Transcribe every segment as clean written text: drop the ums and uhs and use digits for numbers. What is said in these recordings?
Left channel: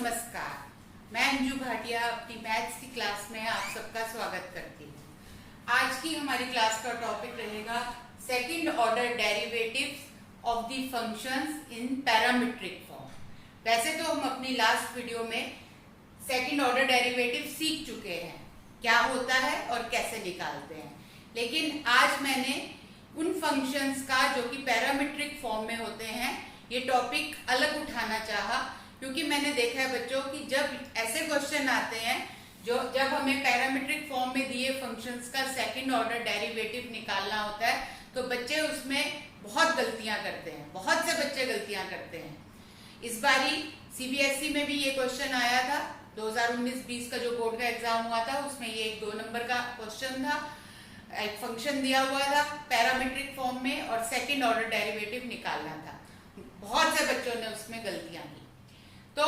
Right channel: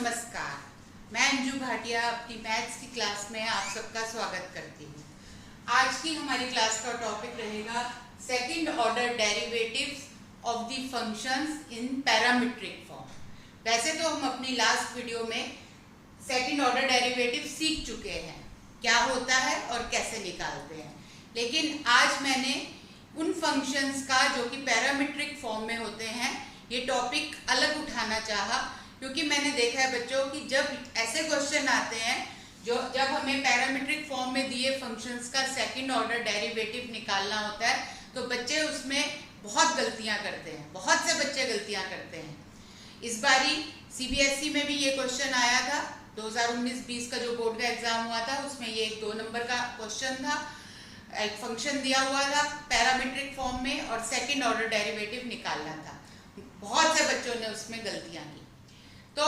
नमस्कार, मैं अंजू भाटिया अपनी मैथ्स की क्लास में आप सबका स्वागत करती हूँ। आज की हमारी क्लास का टॉपिक रहेगा second order derivatives of the functions in parametric form. वैसे तो हम अपनी लास्ट वीडियो में सेकंड ऑर्डर डेरिवेटिव सीख चुके हैं, क्या होता है और कैसे निकालते हैं, लेकिन आज मैंने उन फंक्शंस का जो कि पैरामीट्रिक फॉर्म में होते हैं ये टॉपिक अलग उठाना चाहा, क्योंकि मैंने देखा है बच्चों कि जब ऐसे क्वेश्चन आते हैं जब हमें पैरामीट्रिक फॉर्म में दिए फंक्शंस का सेकंड ऑर्डर डेरिवेटिव निकालना होता है तो बच्चे उसमें बहुत गलतियां करते हैं, बहुत से बच्चे गलतियां करते हैं। इस बारी सीबीएसई में भी ये क्वेश्चन आया था, 2019-20 का जो बोर्ड का एग्जाम हुआ था उसमें ये एक 2 नंबर का क्वेश्चन था। एक फंक्शन दिया हुआ था पैरामीट्रिक फॉर्म में और सेकंड ऑर्डर डेरिवेटिव निकालना था। बहुत से बच्चों ने उसमें गलतियां की। तो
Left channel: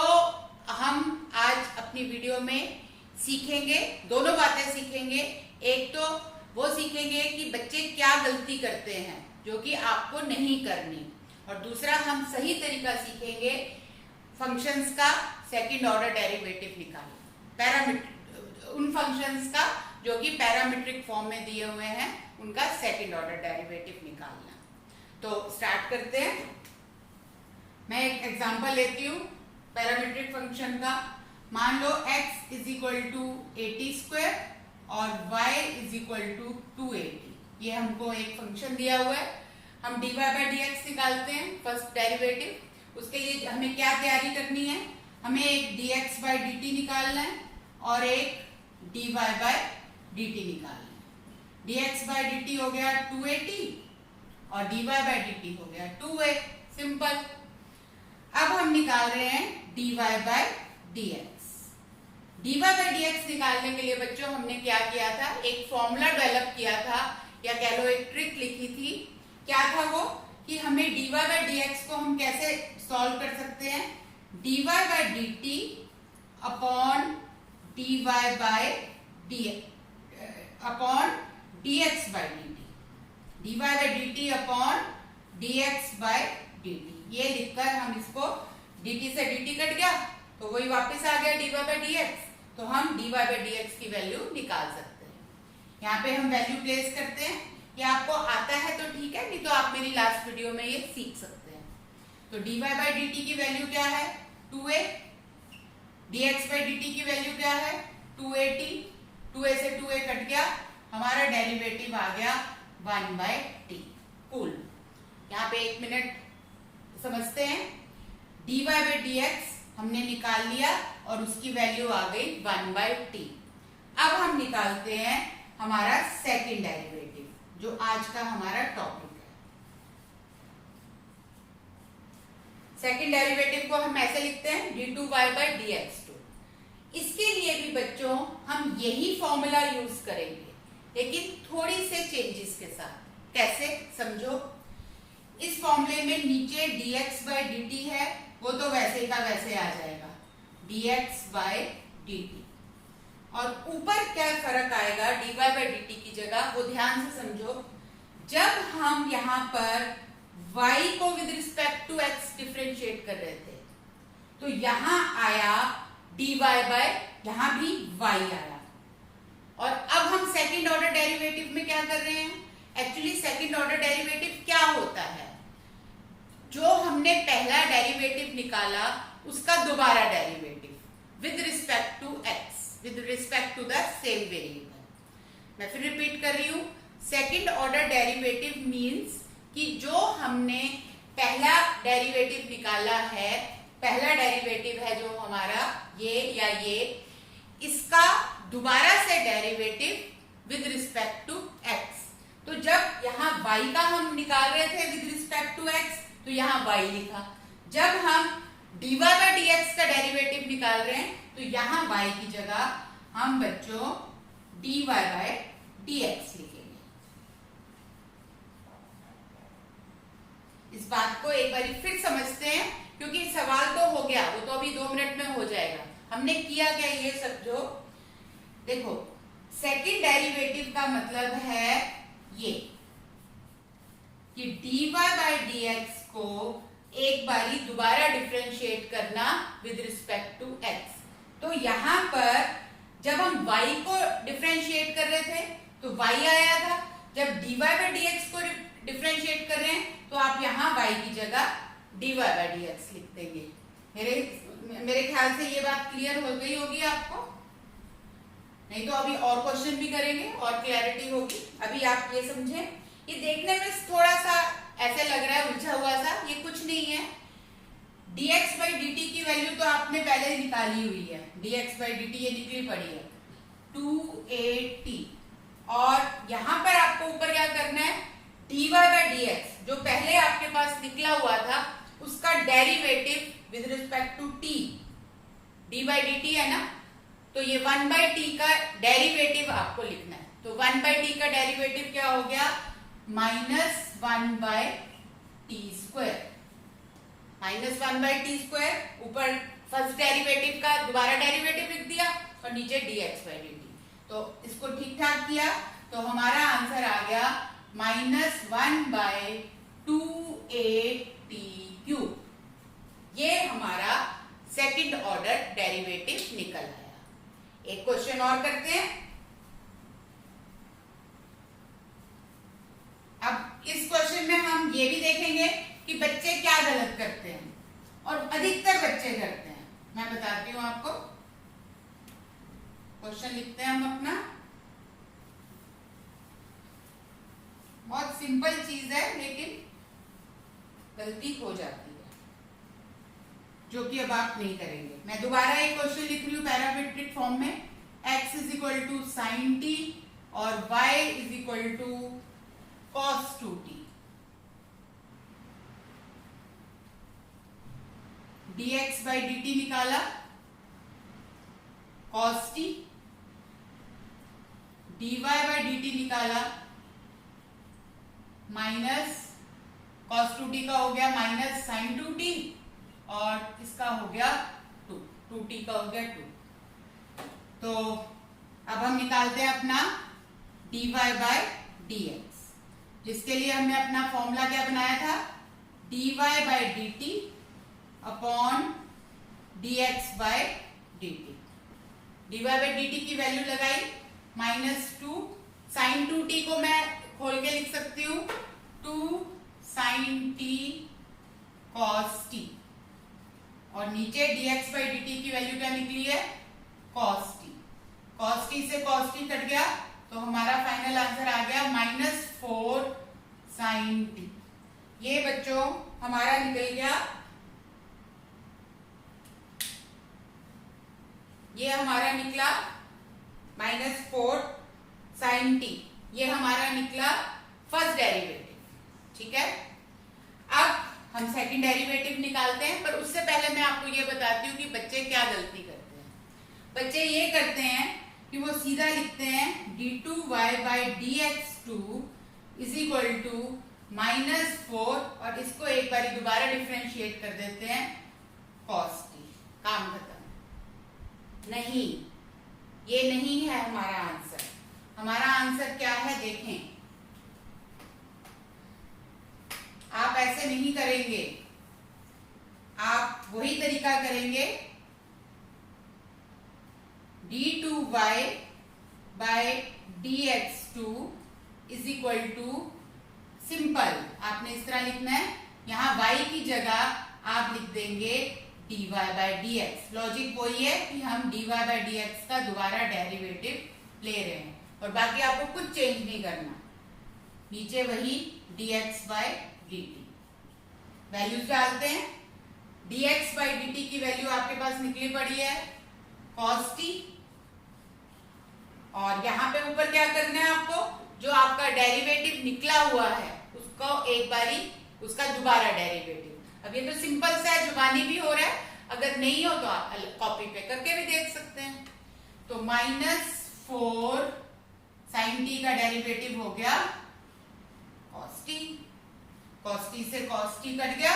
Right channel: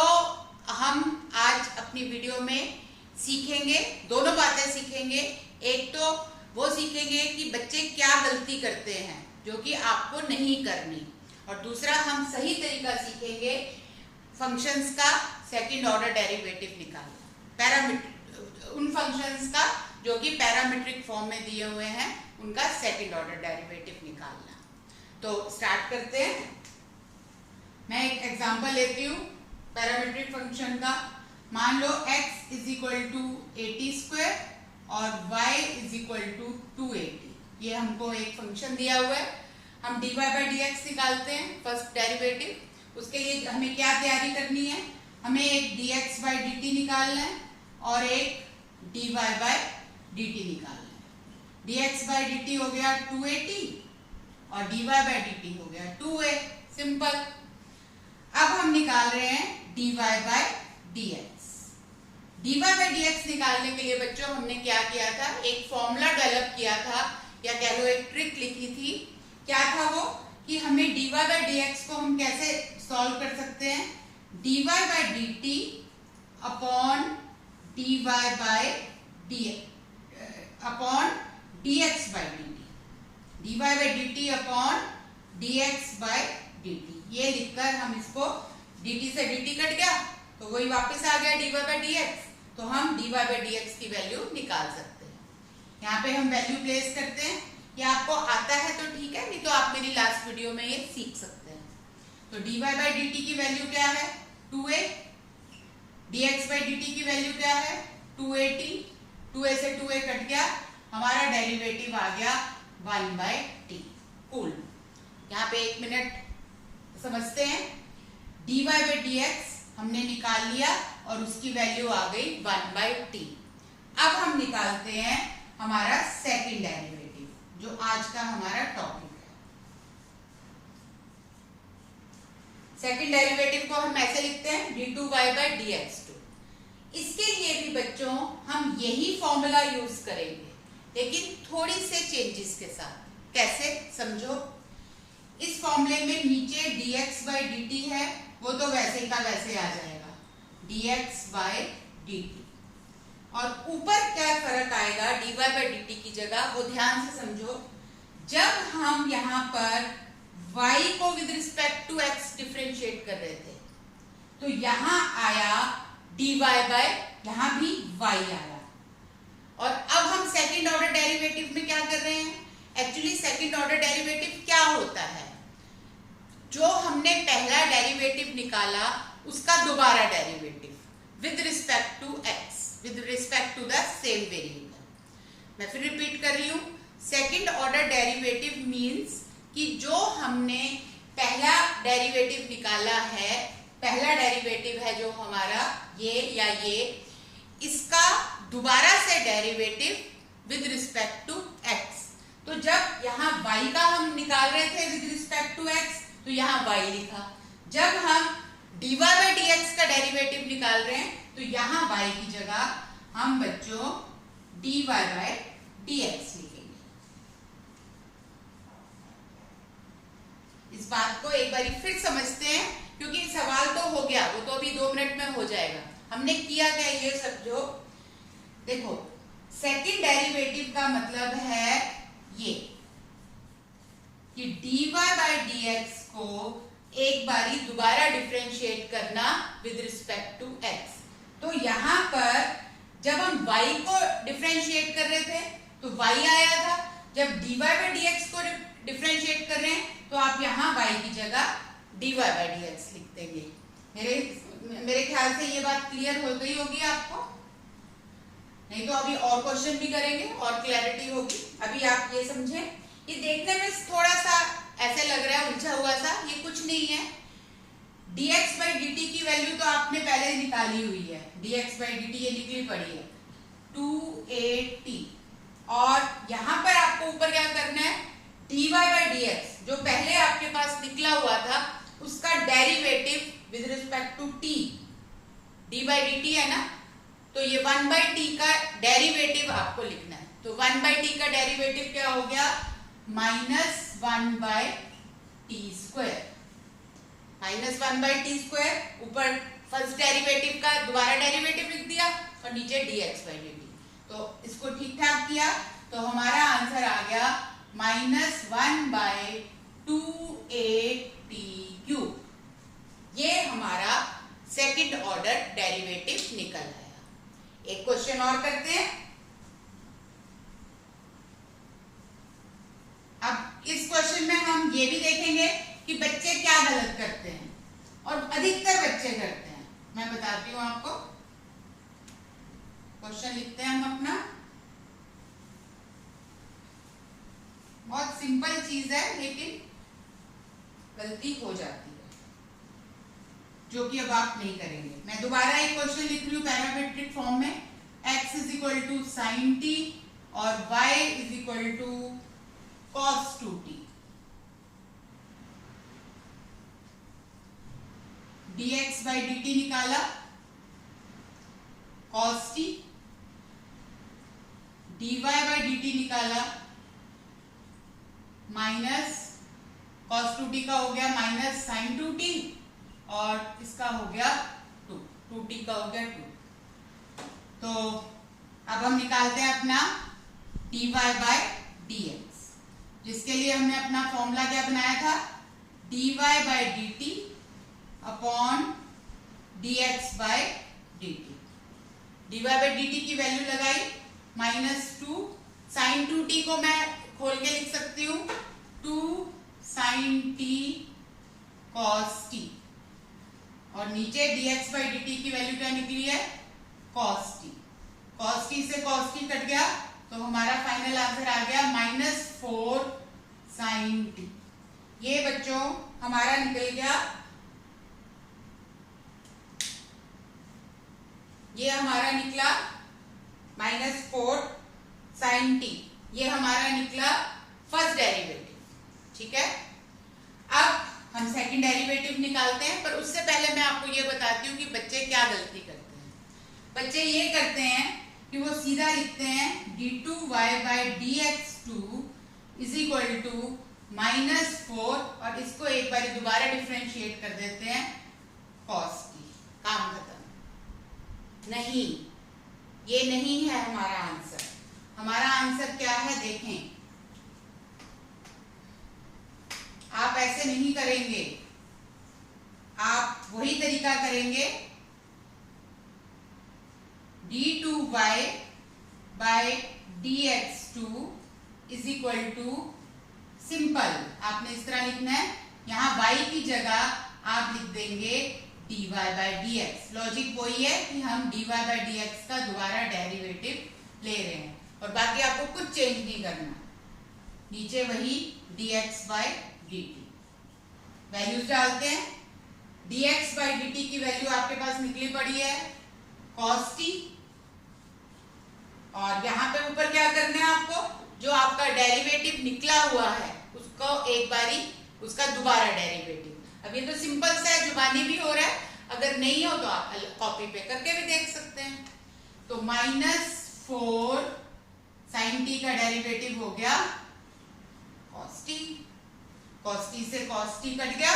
हम आज अपनी वीडियो में सीखेंगे, दोनों बातें सीखेंगे। एक तो वो सीखेंगे कि बच्चे क्या गलती करते हैं जो कि आपको नहीं करनी, और दूसरा हम सही तरीका सीखेंगे फंक्शंस का सेकंड ऑर्डर डेरिवेटिव निकालना, पैरामीट्रिक उन फंक्शंस का जो कि पैरामीट्रिक फॉर्म में दिए हुए हैं उनका सेकंड ऑर्डर डेरिवेटिव निकालना। तो स्टार्ट करते हैं। मैं एक एग्जांपल लेती हूँ पैरामीट्रिक फंक्शन का। मान लो x इज इक्वल टू 80² और y इज इक्वल टू 280। ये हमको एक फंक्शन दिया हुआ है, हम dy बाई dx निकालते हैं फर्स्ट डेरिवेटिव। उसके लिए हमें क्या तैयारी करनी है, हमें एक dx बाई dt निकालना है और एक dy बाई dt निकालना है। dx बाई dt हो गया 280 और dy बाई dt हो गया 2a, सिंपल। अब हम निकाल रहे हैं dy by dx। dy by dx निकालने के लिए बच्चों हमने क्या किया था, एक फॉर्मूला डेवलप किया था, या कह लो एक ट्रिक लिखी थी। क्या था वो कि हमें dy बाई dx को हम कैसे सॉल्व कर सकते हैं, dy by dt upon dy by upon dx by dt, dy by dt upon dx by dt। ये लिखकर हम इसको dt से dt कट गया तो वही वापस आ गया dy बाई dx, तो हम dy बाई dx की वैल्यू निकाल सकते हैं। यहाँ पे हम वैल्यू प्लेस करते हैं, ये आपको आता है तो ठीक है, नहीं तो आप मेरी लास्ट वीडियो में ये सीख सकते हैं। तो dy बाई dt की वैल्यू क्या है 2a, dx बाई dt की वैल्यू क्या है 280, 2a से 2a कट गया, हमारा डेरिवेटिव आ गया 1/t। कूल। यहाँ पे 1 मिनट समझते हैं। dy बाई dx हमने निकाल लिया और उसकी वैल्यू आ गई 1/t। अब हम निकालते हैं हमारा सेकंड डेरिवेटिव, जो आज का हमारा टॉपिक है। सेकंड डेरिवेटिव को हम ऐसे लिखते हैं d2y बाई dx2। इसके लिए भी बच्चों हम यही फॉर्मूला यूज करेंगे, लेकिन थोड़ी से चेंजेस के साथ। कैसे, समझो। इस फॉर्मूले में नीचे dx बाई dt है, वो तो वैसे का वैसे आ जाएगा dx बाई dt, और ऊपर क्या फर्क आएगा dy बाई dt की जगह, वो ध्यान से समझो। जब हम यहाँ पर y को with respect to x differentiate कर रहे थे तो यहाँ आया dy बाई, यहाँ भी y आया। और अब हम सेकंड ऑर्डर डेरिवेटिव में क्या कर रहे हैं, एक्चुअली सेकंड ऑर्डर डेरिवेटिव क्या होता है, जो हमने पहला डेरिवेटिव निकाला उसका दोबारा derivative with respect to x, with respect to the same variable. मैं फिर रिपीट कर रही हूँ, सेकंड ऑर्डर डेरिवेटिव मींस कि जो हमने पहला डेरिवेटिव निकाला है, पहला डेरिवेटिव है जो हमारा ये या ये, इसका दोबारा से derivative with respect to x। तो जब यहाँ y का हम निकाल रहे थे विद रिस्पेक्ट टू x तो यहाँ y लिखा, जब हम dy बाई dx का डेरिवेटिव निकाल रहे हैं तो यहाँ y की जगह हम बच्चों dy बाई dx लिखेंगे। इस बात को एक बार फिर समझते हैं, क्योंकि सवाल तो हो गया, वो तो अभी 2 मिनट में हो जाएगा। हमने किया क्या ये समझो। देखो, सेकंड डेरिवेटिव का मतलब है ये कि dy बाई dx को एक बारी दोबारा डिफरेंशिएट करना विद रिस्पेक्ट टू x। तो यहाँ पर जब हम y को डिफरेंशिएट कर रहे थे तो y आया था, जब dy by dx को डिफरेंशिएट कर रहे हैं तो आप यहाँ y की जगह dy by dx लिख देंगे। मेरे ख्याल से ये बात क्लियर हो गई होगी आपको, नहीं तो अभी और क्वेश्चन भी करेंगे और क्लैरिटी होगी। अभी आप ये समझें, ये देखने में थोड़ा सा ऐसे लग रहा है उलझा हुआ सा, ये कुछ नहीं है। dx by dt की वैल्यू तो आपने पहले निकाली हुई है, dx by dt ये निकली पड़ी है 2at, और यहां पर आपको ऊपर क्या करना है, dy by dx जो पहले आपके पास निकला हुआ था उसका derivative with respect to t, d by dt है ना, तो ये 1 by t का डेरिवेटिव आपको लिखना है। तो 1 by t का डेरिवेटिव क्या हो गया, -1 by t square, -1 by t square. ऊपर फर्स्ट डेरिवेटिव का दोबारा डेरिवेटिव लिख दिया और नीचे dx by dt। तो इसको ठीक ठाक किया तो हमारा आंसर आ गया -1 by 2at³। ये हमारा सेकंड ऑर्डर डेरिवेटिव निकल आया। एक क्वेश्चन और करते हैं। अब इस क्वेश्चन में हम ये भी देखेंगे कि बच्चे क्या गलत करते हैं, और अधिकतर बच्चे करते हैं। मैं बताती हूं आपको, क्वेश्चन लिखते हैं हम अपना। बहुत सिंपल चीज है लेकिन गलती हो जाती है, जो कि अब आप नहीं करेंगे। मैं दोबारा एक क्वेश्चन लिख रही हूँ पैरामेट्रिक फॉर्म में, x is equal to sine t और y is equal to cos 2t। dx by dt निकाला, cos t, dy by dt निकाला, माइनस cos 2t का हो गया माइनस साइन 2t, और इसका हो गया 2t का हो गया 2। तो अब हम निकालते हैं अपना dy by dx, जिसके लिए हमने अपना फॉर्मूला क्या बनाया था, dy by dt upon dx by dt। dy by dt की वैल्यू लगाई -2, साइन 2t को मैं खोल के लिख सकती हूँ 2 साइन t cos t, और नीचे dx by dt की वैल्यू क्या निकली है, cos t। cos t से cos t कट गया तो हमारा फाइनल आंसर आ गया -4 साइन t। ये बच्चों हमारा निकल गया, ये हमारा निकला -4 साइन t, ये हमारा निकला फर्स्ट डेरिवेटिव। ठीक है, अब हम सेकंड डेरिवेटिव निकालते हैं, पर उससे पहले मैं आपको ये बताती हूँ कि बच्चे क्या गलती करते हैं। बच्चे ये करते हैं कि वो सीधा लिखते हैं d2y by dx2 is equal to -4, और इसको एक बार दोबारा डिफरेंशिएट कर देते हैं cos t। काम खत्म। नहीं, ये नहीं है हमारा आंसर। हमारा आंसर क्या है देखें, आप ऐसे नहीं करेंगे, आप वही तरीका करेंगे, d2y by dx2 is equal to, simple आपने इस तरह लिखना है, यहाँ y की जगह आप लिख देंगे dy by dx। लॉजिक वही है कि हम dy by dx का दोबारा डेरिवेटिव ले रहे हैं, और बाकी आपको कुछ चेंज नहीं करना, नीचे वही dx by dt। वैल्यूज डालते हैं, dx by dt की वैल्यू आपके पास निकली पड़ी है cos t, और यहाँ पे ऊपर क्या करना है आपको, जो आपका डेरिवेटिव निकला हुआ है उसको एक बारी उसका दोबारा डेरिवेटिव। अब ये तो सिंपल सा है, जुबानी भी हो रहा है, अगर नहीं हो तो आप कॉपी पे करके भी देख सकते हैं। तो -4 साइन t का डेरिवेटिव हो गया cos t, cos t से cos t कट गया,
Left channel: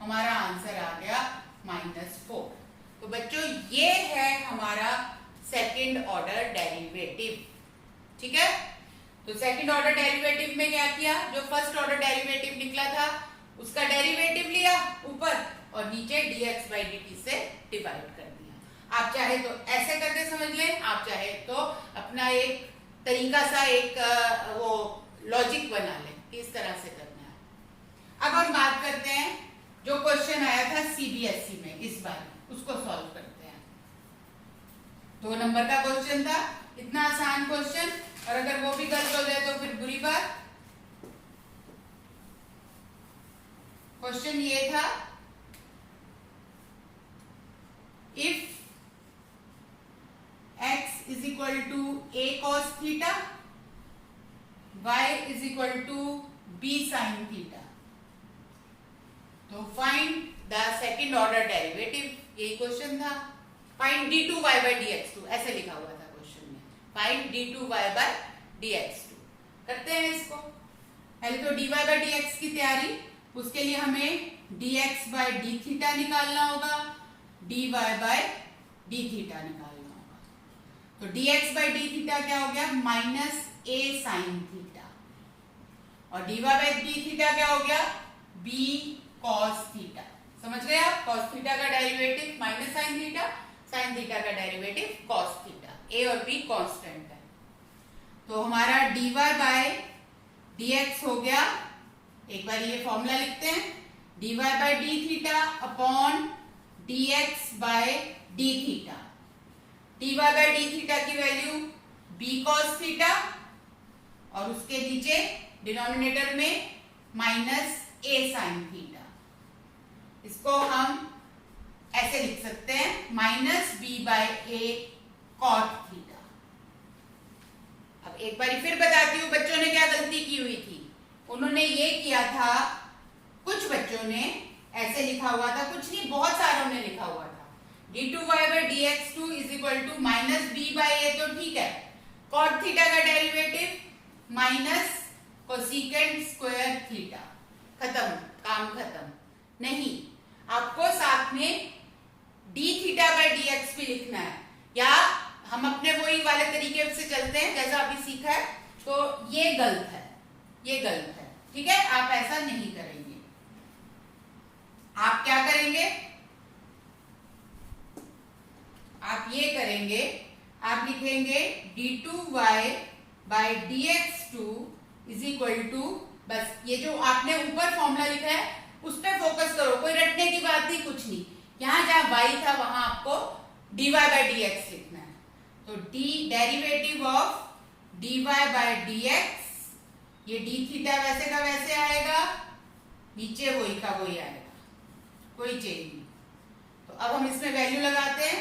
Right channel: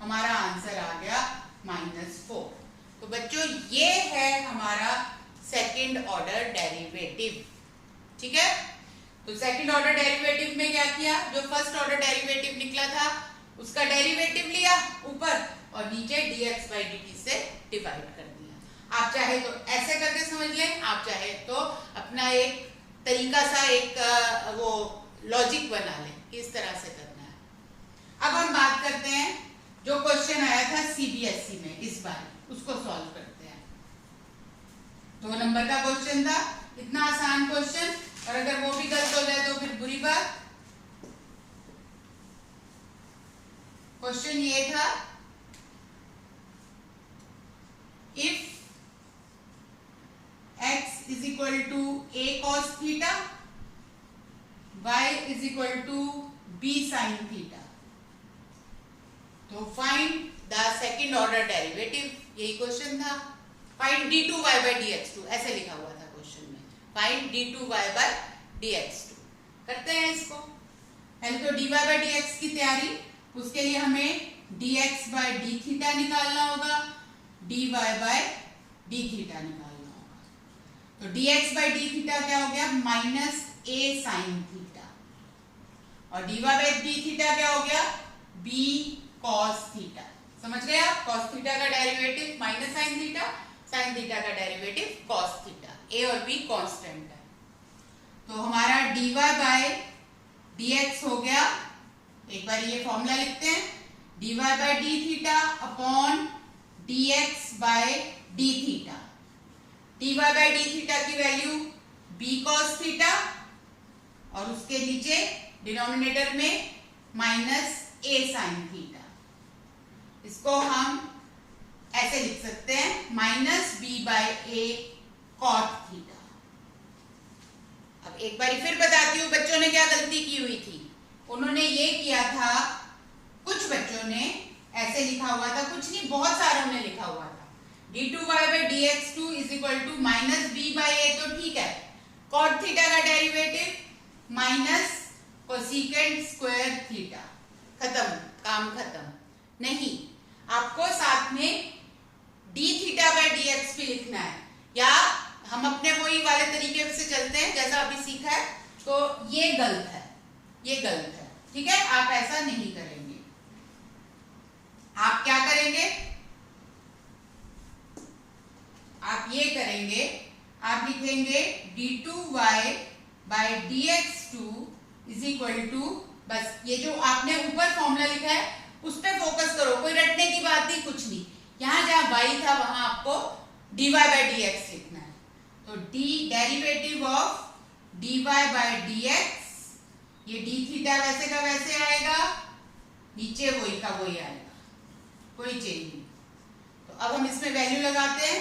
हमारा आंसर आ गया -4। तो बच्चों ये है हमारा सेकंड ऑर्डर डेरिवेटिव। ठीक है, तो सेकंड ऑर्डर डेरिवेटिव में क्या किया, जो फर्स्ट ऑर्डर डेरिवेटिव निकला था उसका डेरिवेटिव लिया ऊपर और नीचे dx by dt से डिवाइड कर दिया। आप चाहे तो ऐसे करके समझ लें, आप चाहे तो अपना एक तरीका सा एक वो लॉजिक बना लें कि इस तरह से करना है। अब हम बात करते हैं जो क्वेश्चन आया था CBSE में इस बार, उसको सॉल्व करते हैं। 2 नंबर का क्वेश्चन था, इतना आसान क्वेश्चन, और अगर वो भी गलत हो जाए तो फिर बुरी बात। क्वेश्चन ये था, if x is equal to a cos theta, y is equal to b sin theta, तो find the second order derivative. यही क्वेश्चन था। फाइंड d2y by dx2, ऐसे लिखा हुआ था क्वेश्चन में, फाइंड d2y by dx2। करते हैं इसको। पहले तो dy by dx की तैयारी, उसके लिए हमें dx by d थीटा निकालना होगा, dy by d थीटा निकालना होगा। तो dx by d थीटा क्या हो गया, माइनस a sin थीटा, और dy by d थीटा क्या हो गया, b cos थीटा। समझ गए आप? cos थीटा का derivative minus sin theta, sin theta का डेरिवेटिव cos थीटा। a और b कांस्टेंट है, तो हमारा dy by dx हो गया, एक बार ये फॉर्मूला लिखते हैं, dy by d theta upon dx by d theta. dy by d theta की वैल्यू b cos थीटा, और उसके नीचे डिनोमिनेटर में माइनस a sin थीटा। इसको हम ऐसे लिख सकते हैं, minus b by a cot theta. अब एक बार फिर बताती हूँ बच्चों ने क्या गलती की हुई थी। उन्होंने ये किया था, कुछ बच्चों ने ऐसे लिखा हुआ था, कुछ नहीं बहुत सारों ने लिखा हुआ था, d2y by dx2 is equal to minus b by a, तो ठीक है, cot थीटा का derivative minus cosecant square theta, खत्म, काम खत्म। नहीं, आपको साथ में d थीटा बाय dx भी लिखना है, या हम अपने वही वाले तरीके से चलते हैं जैसा अभी सीखा है, तो ये गलत है, ये गलत है, ठीक है, आप ऐसा नहीं करेंगे। आप क्या करेंगे, आप ये करेंगे, आप लिखेंगे d2y by dx2 is equal to, बस ये जो आपने ऊपर फॉर्मूला लिखा है उस पे फोकस करो, कोई रटने की बात नहीं, कुछ नहीं। यहां जहां y था वहां आपको dy by dx लिखना है, तो d derivative of dy by dx, ये d थीटा वैसे का वैसे आएगा, नीचे वही का वही आएगा, कोई चेंज नहीं। तो अब हम इसमें वैल्यू लगाते हैं,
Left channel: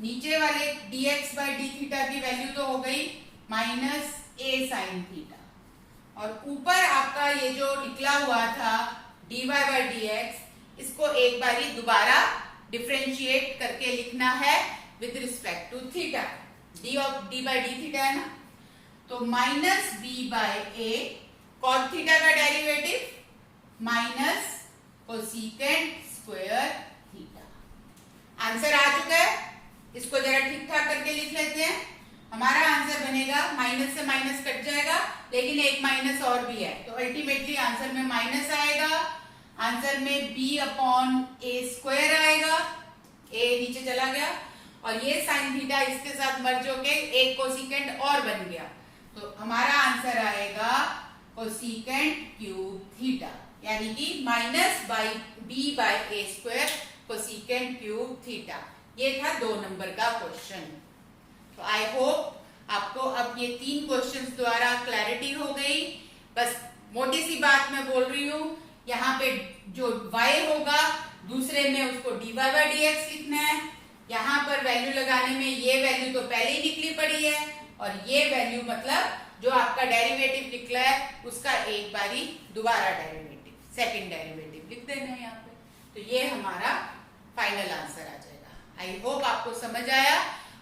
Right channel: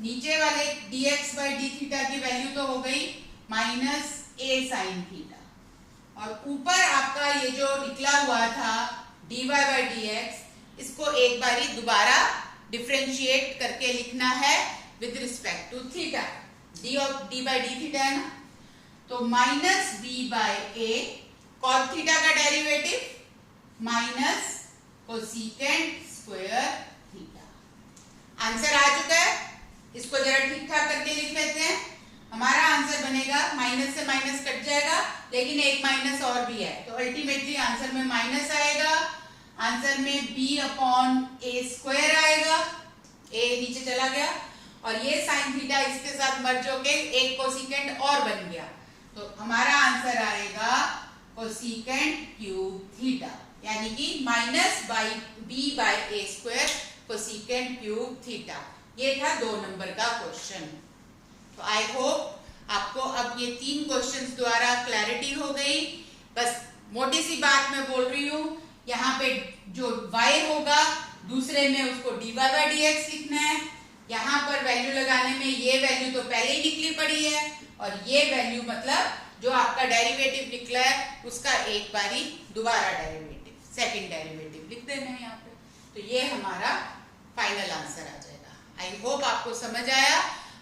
नीचे वाले dx by d थीटा की वैल्यू तो हो गई माइनस a sin थीटा, और ऊपर आपका ये जो निकला हुआ था dy by dx, इसको एक बारी दोबारा डिफरेंशिएट करके लिखना है with respect to theta. d by d theta है ना, तो minus b by a cot theta का derivative minus cosecant square theta. Answer आ चुका है, इसको जरा ठीक ठाक करके लिख लेते हैं। हमारा आंसर बनेगा, माइनस से माइनस कट जाएगा, लेकिन एक माइनस और भी है, तो अल्टीमेटली आंसर में माइनस आएगा, आंसर में b अपॉन a स्क्वायर आएगा, a नीचे चला गया, और ये साइन थीटा इसके साथ मर्ज होके एक कोसेकेंट और बन गया, तो हमारा आंसर आएगा कोसेकेंट क्यूब थीटा, यानी कि minus by b by a square cosecant cube theta. ये था 2 नंबर का क्वेश्चन। तो आई होप आपको अब ये 3 क्वेश्चंस द्वारा क्लैरिटी हो गई। बस मोटी सी बात मैं बोल रही हूँ, यहाँ पे जो y होगा दूसरे में उसको dy by dx लिखना है, यहाँ पर वैल्यू लगाने में ये वैल्यू तो पहले ही निकली पड़ी है, और ये वैल्यू मतलब जो आपका डेरिवेटिव निकला है उसका एक बारी दोबारा डेरिवेटिव, सेकंड डेरिवेटिव लिख देना है यहाँ पे, तो ये हमारा फाइनल आंसर आ जाएगा। आई होप आपको समझ आया।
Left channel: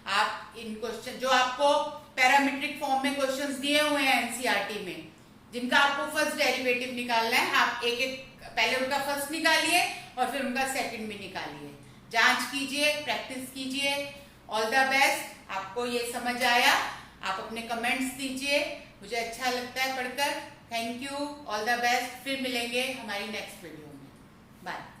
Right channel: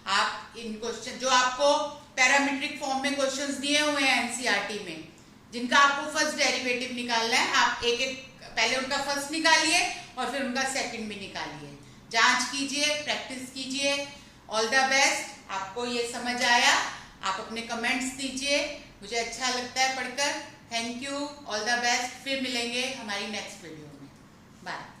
आप इन क्वेश्चन जो आपको पैरामीट्रिक फॉर्म में क्वेश्चंस दिए हुए हैं एनसीईआरटी में, जिनका आपको फर्स्ट डेरिवेटिव निकालना है, आप एक एक पहले उनका फर्स्ट निकालिए और फिर उनका सेकंड भी निकालिए, जांच कीजिए, प्रैक्टिस कीजिए। All the best. आपको ये समझ आया, आप अपने कमेंट्स दीजिए, मुझे अच्छा लगता है पढ़कर। Thank you, all the best. फिर मिलेंगे हमारी नेक्स्ट वीडियो में। बाय।